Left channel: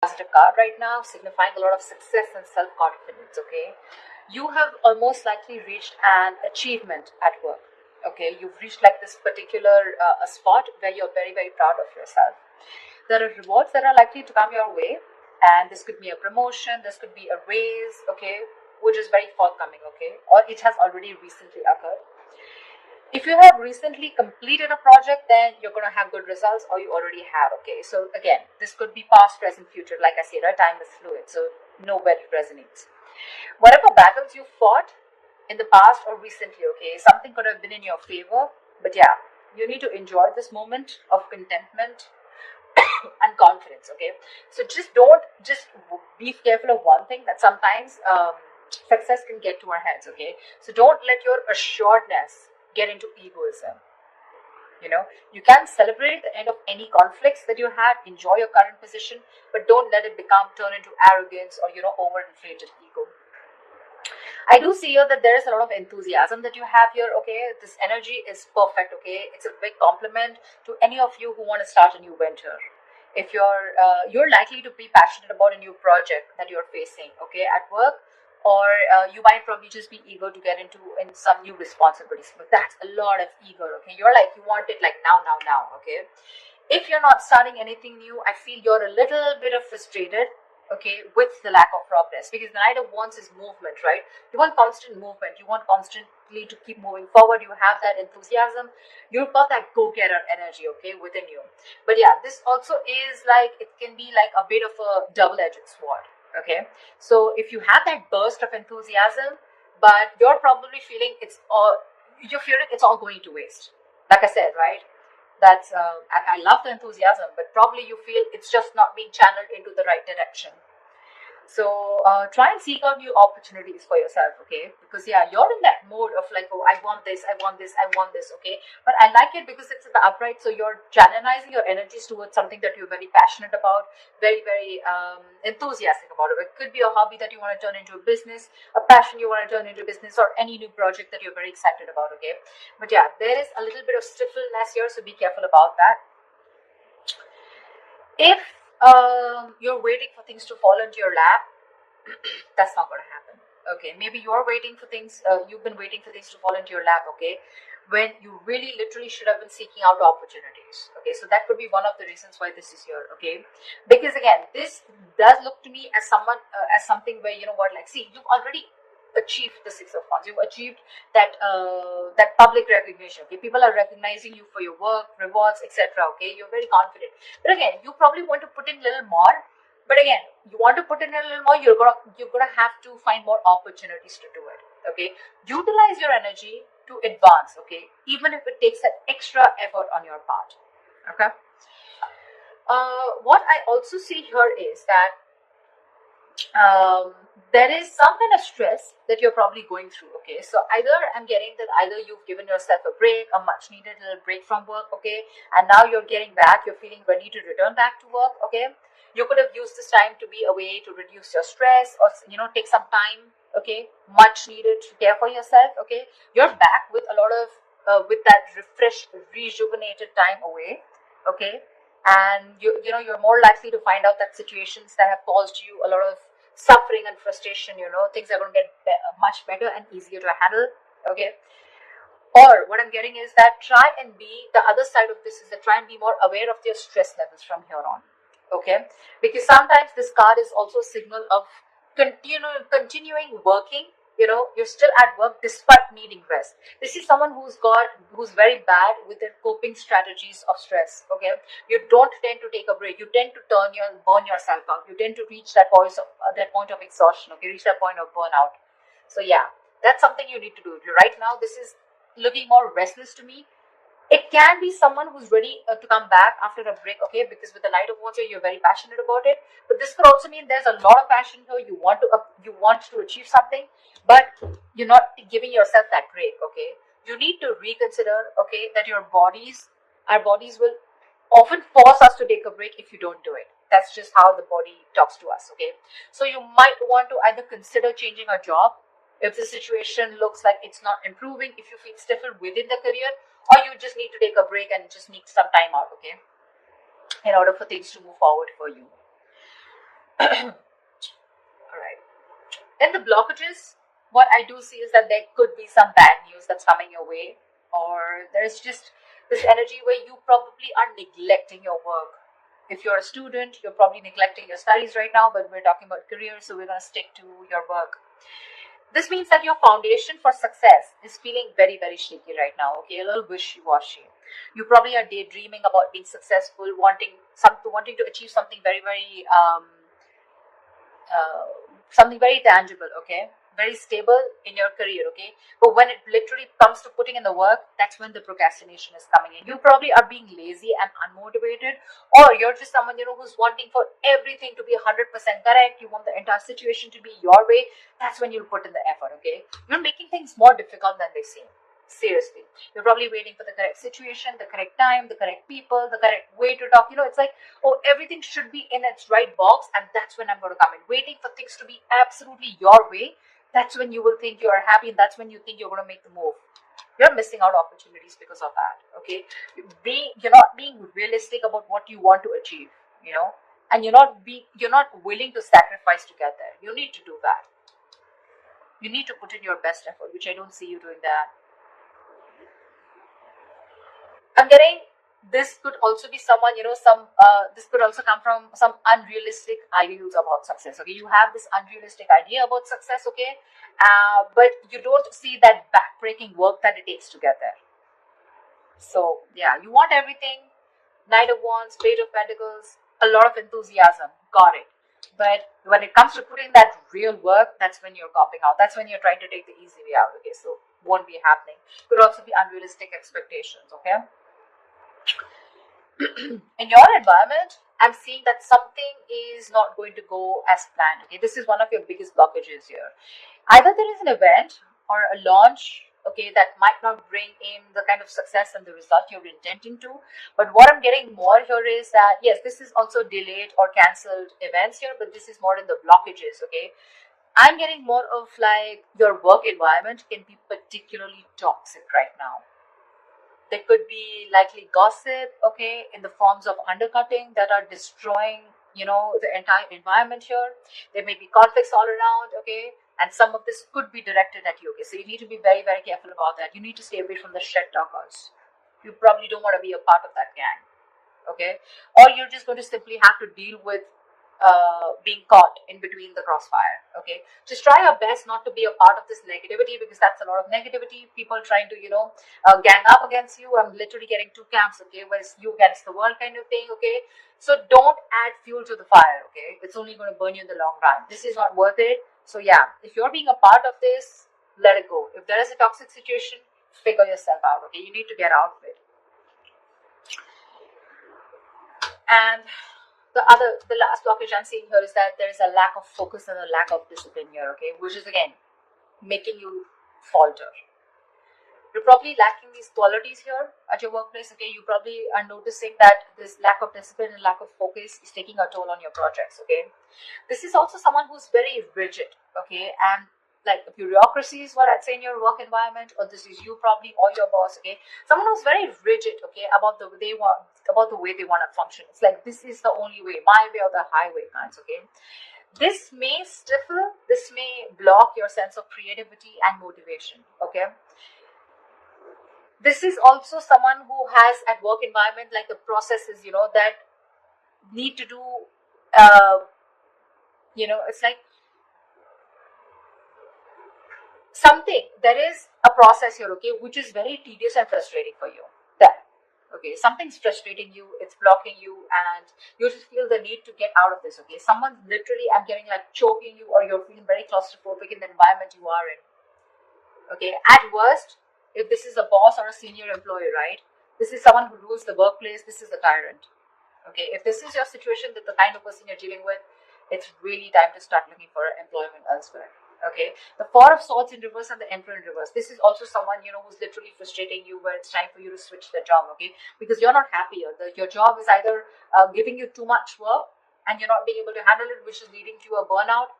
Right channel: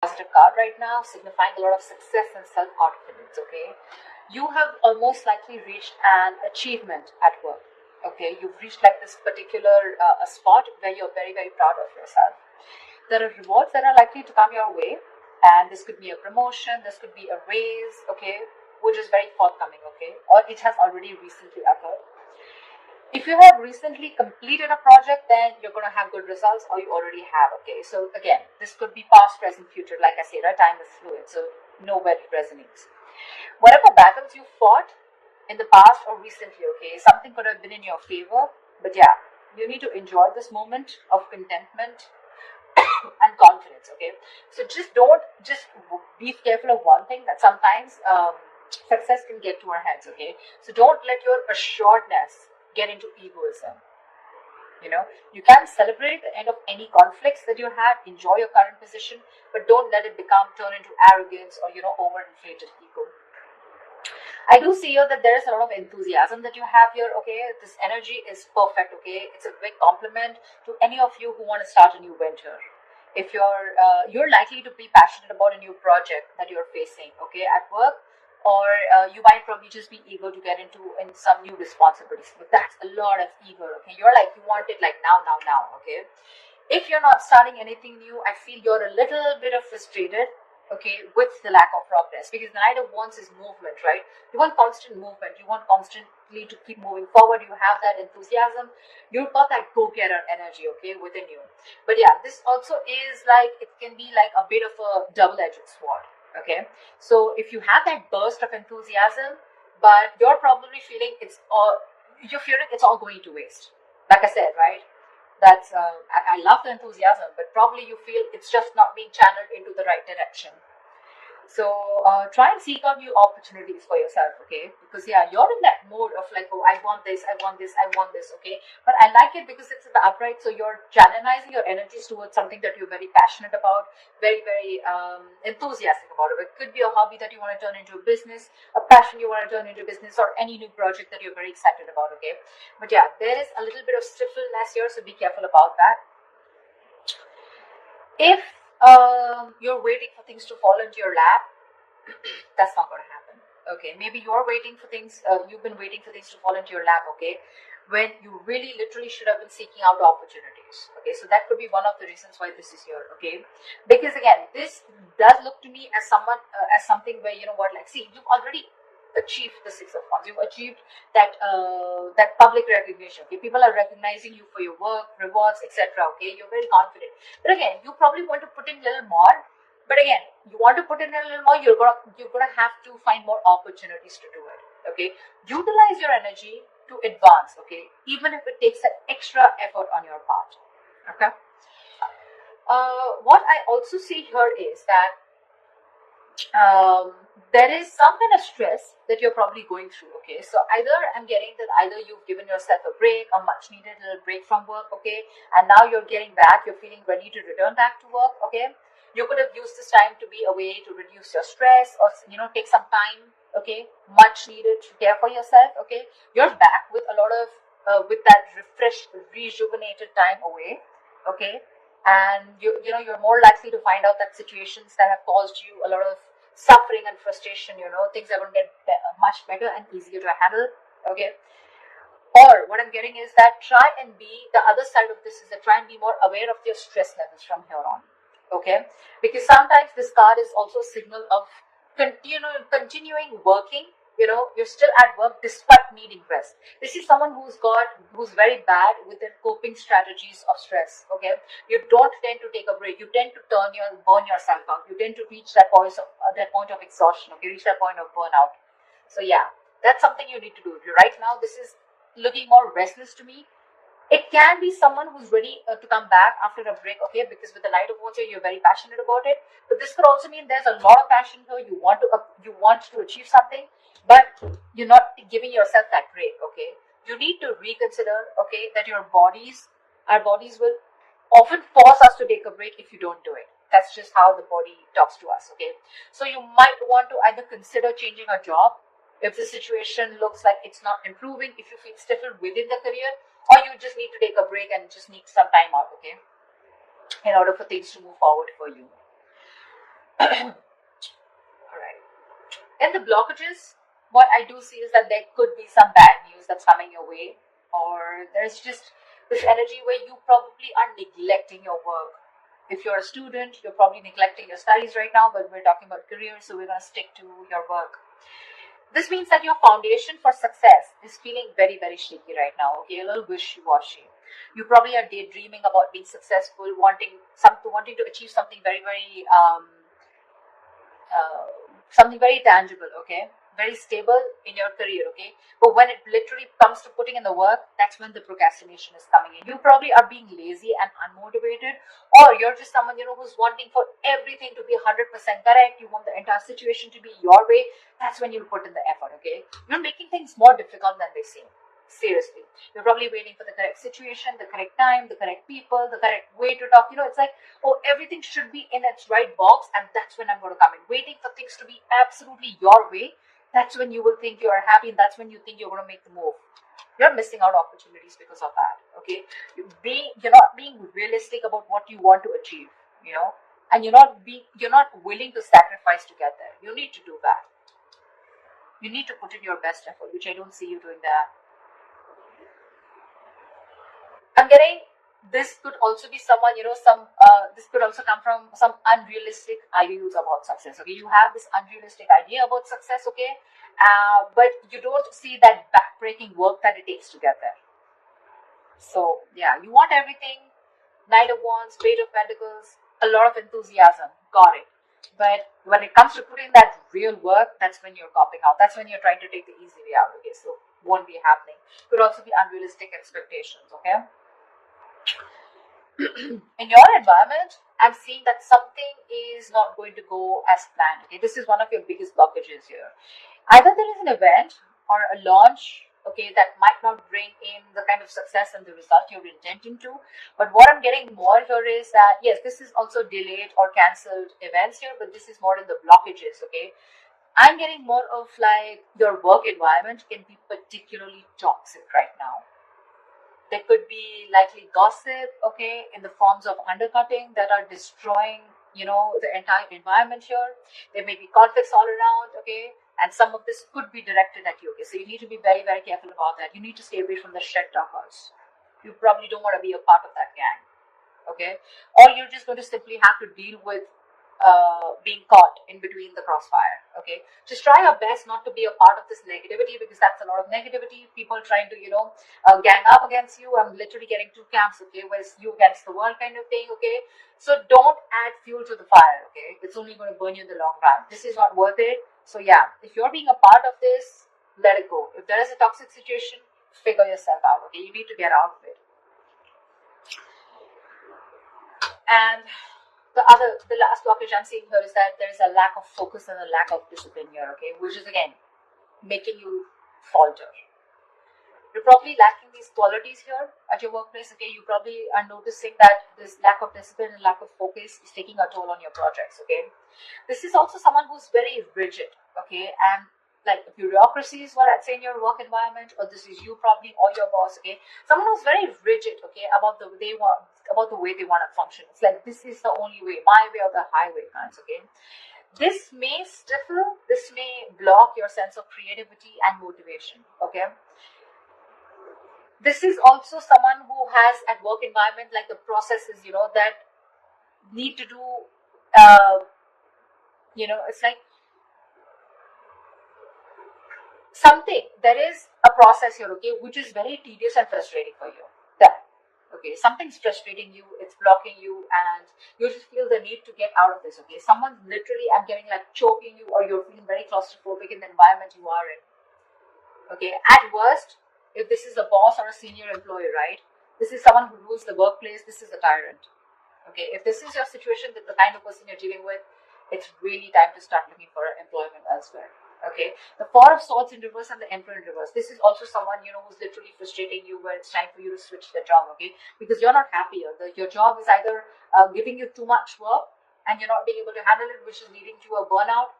Positive card right now, signifying a lot of success and self-confidence. Okay, you have almost likely reached an achievement at work. Okay, you've reached like this particular a spot where you're very, very proud of yourself. There are rewards that are likely to come your way, and this could be a promotion, this could be a raise, okay, which is very forthcoming, okay, or it has already recently occurred. If you have recently completed a project, then you're going to have good results, or you already have. Okay, so again, this could be past, present, future. Like I said, right, time is fluid, so know where it resonates. Whatever battles you fought in the past or recently, okay, something could have been in your favor, but yeah, you need to enjoy this moment of contentment and confidence. Okay, so just be careful of one thing, that sometimes success can get to our heads. Okay, so don't let your assuredness get into egoism. You can celebrate the end of any conflicts that you had, enjoy your current position, but don't let it turn into arrogance or overinflated ego. I do see here that there is a lot of enthusiasm that you have here. Okay, this energy is perfect. Okay, it's a big compliment to any of you who want to start a new venture. If you're likely to be passionate about a new project that you're facing, okay, at work, or you might probably just be eager to get into some new responsibilities. But that's a lot of eager. Okay, you're like, you want it like now, now, now. Okay, if you're not starting anything new, I feel you're a little bit of frustrated, okay, with the lack of progress, because the Knight of Wands is movement, right? You want constant movement, you want constantly to keep moving forward, you have that enthusiasm, you've got that go-getter energy, okay, within you. But yeah, this also is like, it can be like a bit of a double-edged sword. Okay, so if you have that burst of enthusiasm, but you're probably feeling it's all going to waste. Like I said, right? That's I love the enthusiasm, but probably you feel it's just not being channeled into the right direction. So try and seek out new opportunities for yourself, okay? Because yeah, you're in that mode of like, oh, I want this, I want this, I want this, okay? But I like it because it's in the upright, so you're channelizing your energies towards something that you're very passionate about, very, very enthusiastic about. It could be a hobby that you want to turn into a business, a passion you want to turn into a business, or any new project that you're very excited about, okay? But yeah, there is a little bit of stiffness here, so be careful about that. If you're waiting for things to fall into your lap, that's not going to happen. Okay, maybe you're waiting for things, you've been waiting for things to fall into your lap, okay, when you really literally should have been seeking out opportunities. Okay, so that could be one of the reasons why this is here. Okay, because again, this does look to me as something where, you know what, like, see, you've already achieved the Six of Wands. You've achieved that public recognition. Okay, people are recognizing you for your work, rewards, etc. Okay, you're very confident. But again, you probably want to put in a little more. But again, you want to put in a little more. You're gonna have to find more opportunities to do it. Okay, utilize your energy to advance. Okay, even if it takes that extra effort on your part. Okay. What I also see here is that there is some kind of stress that you're probably going through. Okay, so I'm getting that either you've given yourself a break, a much needed little break from work, okay, and now you're getting back, you're feeling ready to return back to work. Okay, you could have used this time to be away to reduce your stress, or take some time, okay, much needed to care for yourself. Okay, you're back with a lot of with that refreshed, rejuvenated time away. Okay, and you're more likely to find out that situations that have caused you a lot of suffering and frustration, things are going to get much better and easier to handle. Okay, or what I'm getting is that try and be the other side of this is that try and be more aware of your stress levels from here on. Okay, because sometimes this card is also a signal of continuing working. You're still at work despite needing rest. This is someone who's very bad with their coping strategies of stress. Okay, you don't tend to take a break. You tend to burn yourself out. You tend to reach that point of exhaustion. Okay, reach that point of burnout. So yeah, that's something you need to do. Right now, this is looking more restless to me. It can be someone who's ready to come back after a break, okay? Because with the Knight of Wands, you're very passionate about it. But this could also mean there's a lot of passion here. You want to achieve something, but you're not giving yourself that break, okay? You need to reconsider, okay, that our bodies will often force us to take a break if you don't do it. That's just how the body talks to us, okay? So you might want to either consider changing a job if the situation looks like it's not improving, if you feel stifled within the career, or you just need to take a break and just need some time out, okay, in order for things to move forward for you. All right. And the blockages, what I do see is that there could be some bad news that's coming your way, or there's just this energy where you probably are neglecting your work. If you're a student, you're probably neglecting your studies right now, but we're talking about career, so we're going to stick to your work. This means that your foundation for success is feeling very, very shaky right now, okay? A little wishy-washy. You probably are daydreaming about being successful, wanting to achieve something very, very something very tangible, okay? Very stable in your career, okay? But when it literally comes to putting in the work, that's when the procrastination is coming in. You probably are being lazy and unmotivated, or you're just someone, who's wanting for everything to be 100% correct. You want the entire situation to be your way. That's when you'll put in the effort, okay? You're making things more difficult than they seem. Seriously, you're probably waiting for the correct situation, the correct time, the correct people, the correct way to talk. It's like, oh, everything should be in its right box, and that's when I'm going to come in. Waiting for things to be absolutely your way, that's when you will think you are happy, and that's when you think you're going to make the move. You're missing out opportunities because of that, okay? You're not being realistic about what you want to achieve, and you're not willing to sacrifice to get there. You need to do that. You need to put in your best effort, which I don't see you doing that. I'm getting this could also be someone, this could also come from some unrealistic ideals about success. Okay, you have this unrealistic idea about success, okay, but you don't see that backbreaking work that it takes to get there. So yeah, you want everything, Knight of Wands, Page of Pentacles, a lot of enthusiasm, got it. But when it comes to putting that real work, that's when you're copping out. That's when you're trying to take the easy way out. Okay, so won't be happening. Could also be unrealistic expectations. Okay. In your environment, I'm seeing that something is not going to go as planned. Okay, this is one of your biggest blockages here. Either there is an event or a launch, okay, that might not bring in the kind of success and the result you're intending to. But what I'm getting more here is that, yes, this is also delayed or cancelled events here, but this is more in the blockages, okay? I'm getting more of like your work environment can be particularly toxic right now. There could be likely gossip, okay, in the forms of undercutting that are destroying, the entire environment here. There may be conflicts all around, okay, and some of this could be directed at you, okay. So you need to be very, very careful about that. You need to stay away from the shit talkers. You probably don't want to be a part of that gang, okay, or you're just going to simply have to deal with being caught in between the crossfire, okay. Just try your best not to be a part of this negativity, because that's a lot of negativity, people trying to gang up against you. I'm literally getting two camps, okay, where it's you against the world kind of thing, okay. So don't add fuel to the fire, okay. It's only going to burn you in the long run. This is not worth it. So yeah, if you're being a part of this, let it go. If there is a toxic situation, figure yourself out, okay. You need to get out of it. And the last blockage I'm seeing here is that there is a lack of focus and a lack of discipline here, okay, which is again making you falter. You're probably lacking these qualities here at your workplace, okay. You probably are noticing that this lack of discipline and lack of focus is taking a toll on your projects, okay. This is also someone who's very rigid, okay, and like bureaucracy is what I'd say in your work environment, or this is you probably or your boss, okay. Someone who's very rigid, okay, about the way they want to function. It's like this is the only way, my way or the highway, guys, okay. This may stifle, this may block your sense of creativity and motivation, okay. This is also someone who has at work environment like the processes, that need to do, it's like something, there is a process here, okay, which is very tedious and frustrating for you. That, okay, something's frustrating you, it's blocking you, and you just feel the need to get out of this, okay. Someone's literally, I'm getting like choking you, or you're feeling very claustrophobic in the environment you are in, okay. At worst, if this is a boss or a senior employee, right, this is someone who rules the workplace, this is a tyrant, okay. If this is your situation, with the kind of person you're dealing with, it's really time to start looking for employment elsewhere. Okay, the Four of Swords in reverse and the Emperor in reverse. This is also someone, who's literally frustrating you when it's time for you to switch the job, okay? Because you're not happy. Your job is either giving you too much work and you're not being able to handle it, which is leading to a burnout,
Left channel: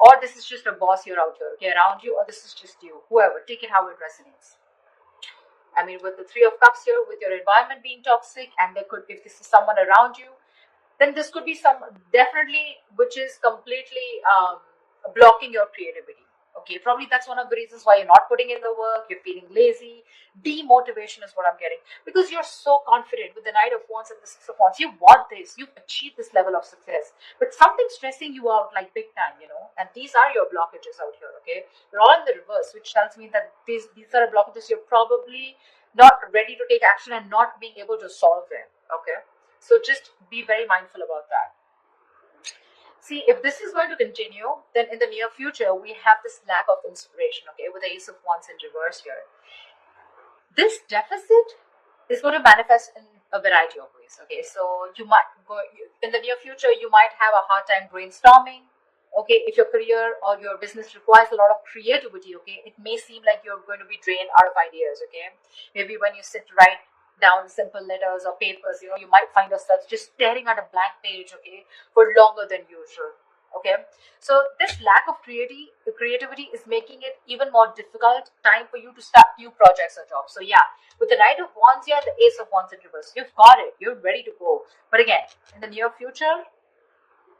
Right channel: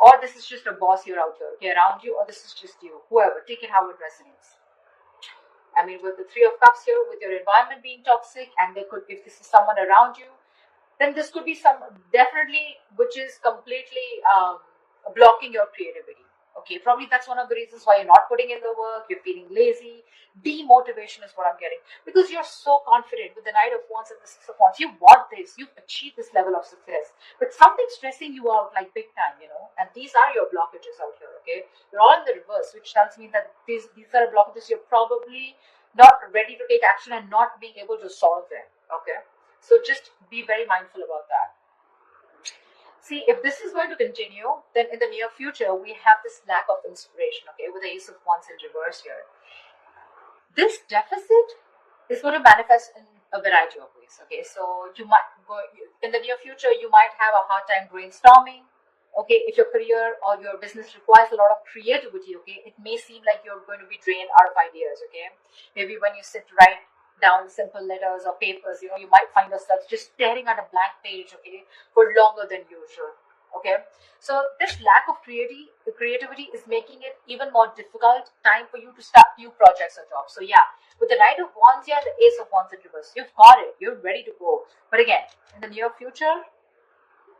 or this is just a boss here out here, okay, around you, or this is just you. Whoever, take it how it resonates. I mean, with the Three of Cups here, with your environment being toxic, and there could, if this is someone around you, then this could be some definitely which is completely blocking your creativity. Okay, probably that's one of the reasons why you're not putting in the work, you're feeling lazy. Demotivation is what I'm getting, because you're so confident with the Knight of Wands and the Six of Wands. You want this, you've achieved this level of success, but something's stressing you out like big time, and these are your blockages out here. Okay, they're all in the reverse, which tells me that these are blockages you're probably not ready to take action and not being able to solve them. Okay, so just be very mindful about that. See, if this is going to continue, then in the near future, we have this lack of inspiration, okay, with the Ace of Wands in reverse here. This deficit is going to manifest in a variety of ways, okay? So you might go, in the near future, you might have a hard time brainstorming, okay? If your career or your business requires a lot of creativity, okay, it may seem like you're going to be drained out of ideas, okay? Maybe when you sit to write down simple letters or papers, you might find yourself just staring at a blank page, okay, for longer than usual. Okay, so this lack of creativity is making it even more difficult time for you to start new projects or jobs. So yeah, with the Knight of Wands here and the Ace of Wands in reverse, you've got it, you're ready to go. But again, in the near future,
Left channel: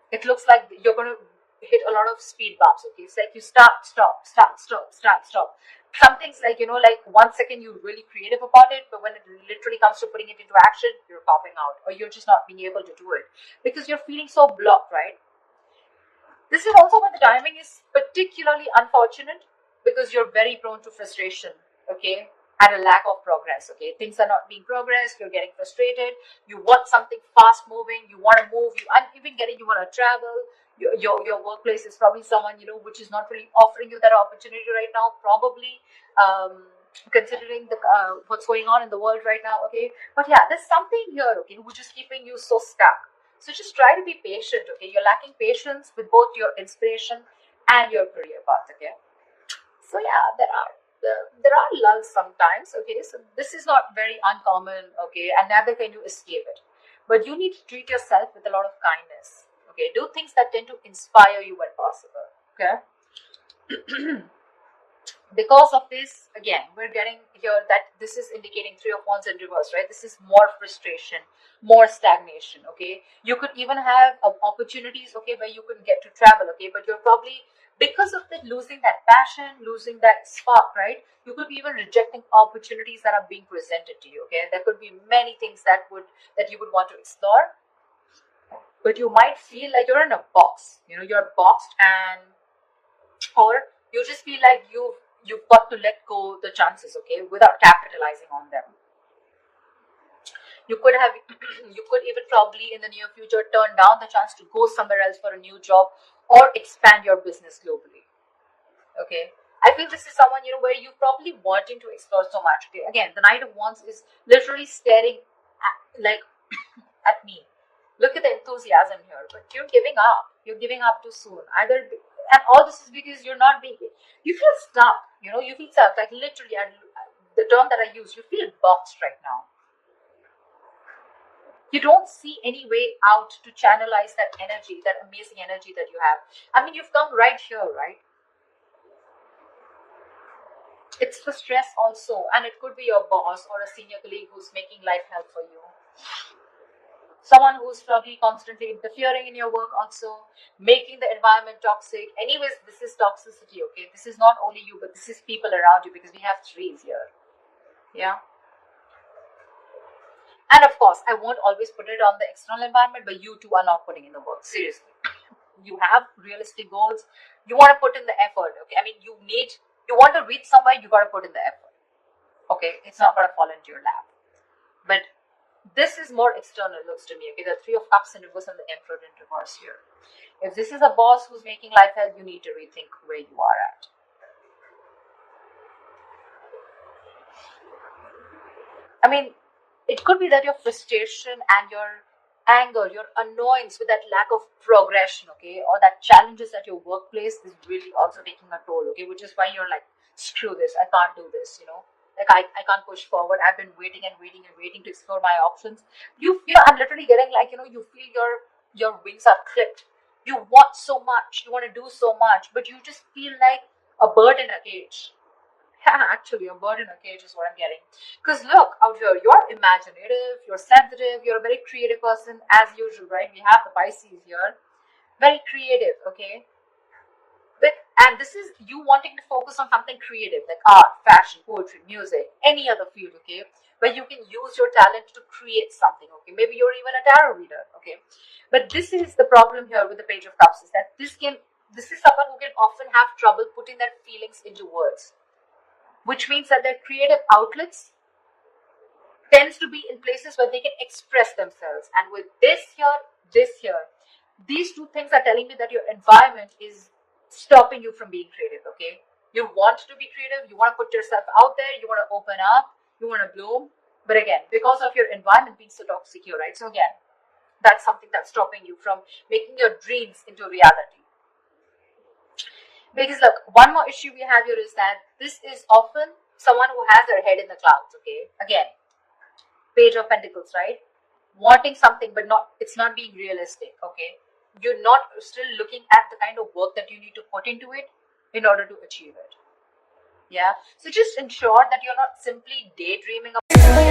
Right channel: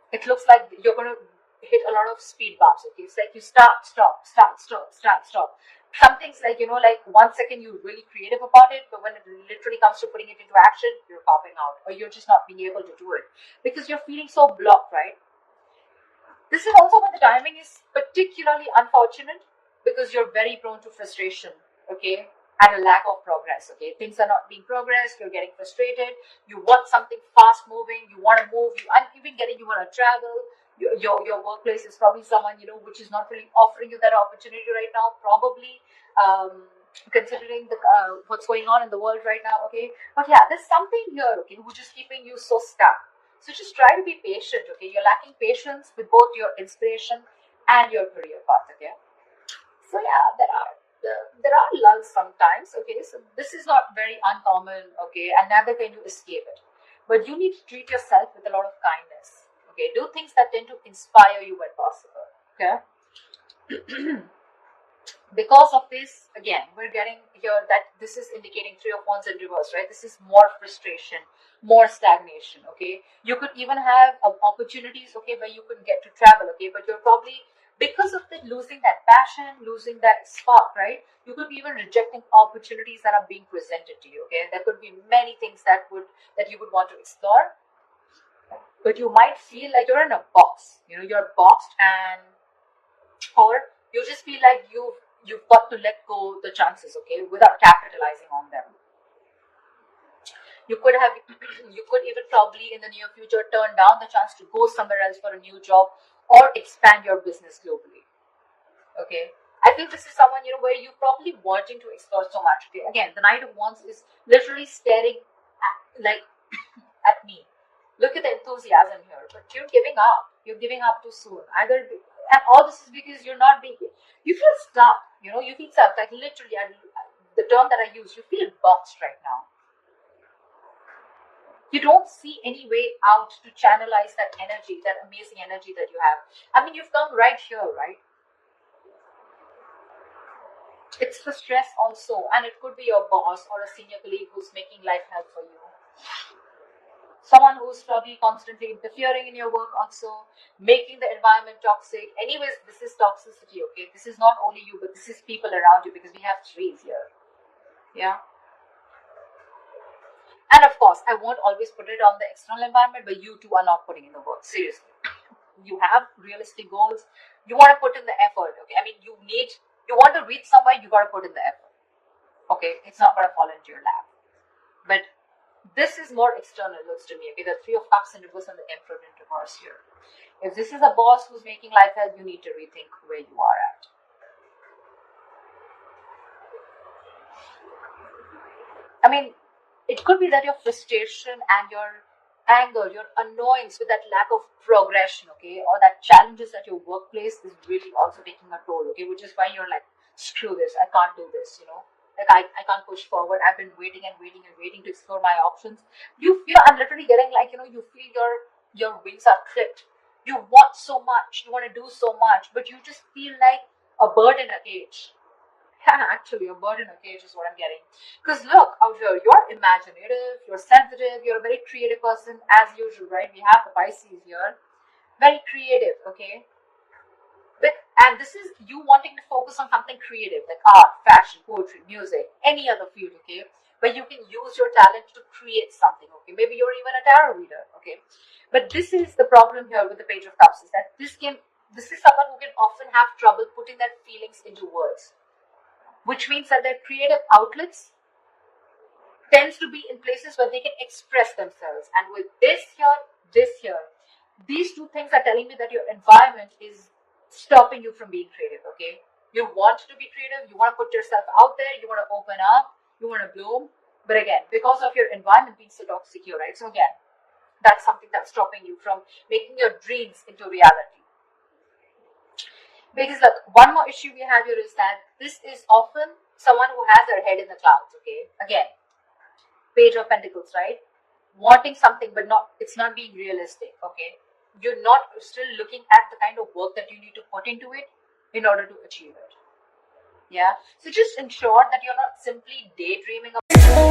it looks like you're going to hit a lot of speed bumps. Okay, it's like you start, stop, start, stop, start, stop. Something's like, like 1 second you're really creative about it, but when it literally comes to putting it into action, you're popping out, or you're just not being able to do it because you're feeling so blocked, right? This is also when the timing is particularly unfortunate because you're very prone to frustration, okay, and a lack of progress, okay. Things are not being progressed, you're getting frustrated, you want something fast moving, you want to move, I'm even getting you want to travel. Your workplace is probably someone, which is not really offering you that opportunity right now, probably considering the what's going on in the world right now, okay. But yeah, there's something here, okay, which is keeping you so stuck. So just try to be patient, okay? You're lacking patience with both your inspiration and your career path, okay? So yeah, there are lulls sometimes, okay? So this is not very uncommon, okay? And neither can you escape it. But you need to treat yourself with a lot of kindness, okay? Do things that tend to inspire you when possible, okay? Because of this, again, we're getting here that this is indicating Three of Wands in reverse, right? This is more frustration, more stagnation, okay? You could even have opportunities, okay, where you can get to travel, okay? But you're probably, because of the losing that passion, losing that spark, right? You could be even rejecting opportunities that are being presented to you, okay? There could be many things that you would want to explore, but you might feel like you're in a box, you're boxed, and or you just feel like you've got to let go the chances, okay, without capitalizing on them. You could even probably in the near future turn down the chance to go somewhere else for a new job or expand your business globally. Okay, I feel this is someone where you probably wanting to explore so much. Okay, again, the Knight of Wands is literally staring at me. Look at the enthusiasm here, but you're giving up. You're giving up too soon. And all this is because you're not being. You feel stuck. You feel stuck. Like literally, and the term that I use, you feel boxed right now. You don't see any way out to channelize that energy, that amazing energy that you have. I mean, you've come right here, right? It's the stress also, and it could be your boss or a senior colleague who's making life hell for you. Someone who's probably constantly interfering in your work also, making the environment toxic. Anyways, this is toxicity, okay? This is not only you, but this is people around you because we have trees here. Yeah. And of course, I won't always put it on the external environment, but you too are not putting in the work. Seriously. You have realistic goals. You want to put in the effort, okay? I mean, you want to reach somewhere, you got to put in the effort. Okay? It's not going to fall into your lap. But this is more external, looks to me. Okay, the Three of Cups in reverse and the Emperor in reverse here. If this is a boss who's making life hell, you need to rethink where you are at. I mean, it could be that your frustration and your anger, your annoyance with that lack of progression, okay, or that challenges at your workplace is really also taking a toll, okay, which is why you're like, screw this, I can't do this, like I can't push forward. I've been waiting and waiting and waiting to explore my options. I'm literally getting like, you feel your wings are clipped. You want so much, you want to do so much, but you just feel like a bird in a cage. Yeah, actually, a bird in a cage is what I'm getting. Because look, out here, you're imaginative, you're sensitive, you're a very creative person, as usual, right? We have the Pisces here. Very creative, okay? And this is you wanting to focus on something creative, like art, fashion, poetry, music, any other field, okay? Where you can use your talent to create something, okay? Maybe you're even a tarot reader, okay? But this is the problem here with the Page of Cups is that this is someone who can often have trouble putting their feelings into words, which means that their creative outlets tends to be in places where they can express themselves. And with this here, these two things are telling me that your environment is stopping you from being creative, okay? You want to be creative, you want to put yourself out there, you want to open up, you want to bloom. But again, because of your environment being so toxic here, right? So again, that's something that's stopping you from making your dreams into reality. Because look, one more issue we have here is that this is often someone who has their head in the clouds, okay? Again, Page of Pentacles, right? Wanting something, but it's not being realistic, okay? You're not still looking at the kind of work that you need to put into it in order to achieve it. Yeah. So just ensure that you're not simply daydreaming about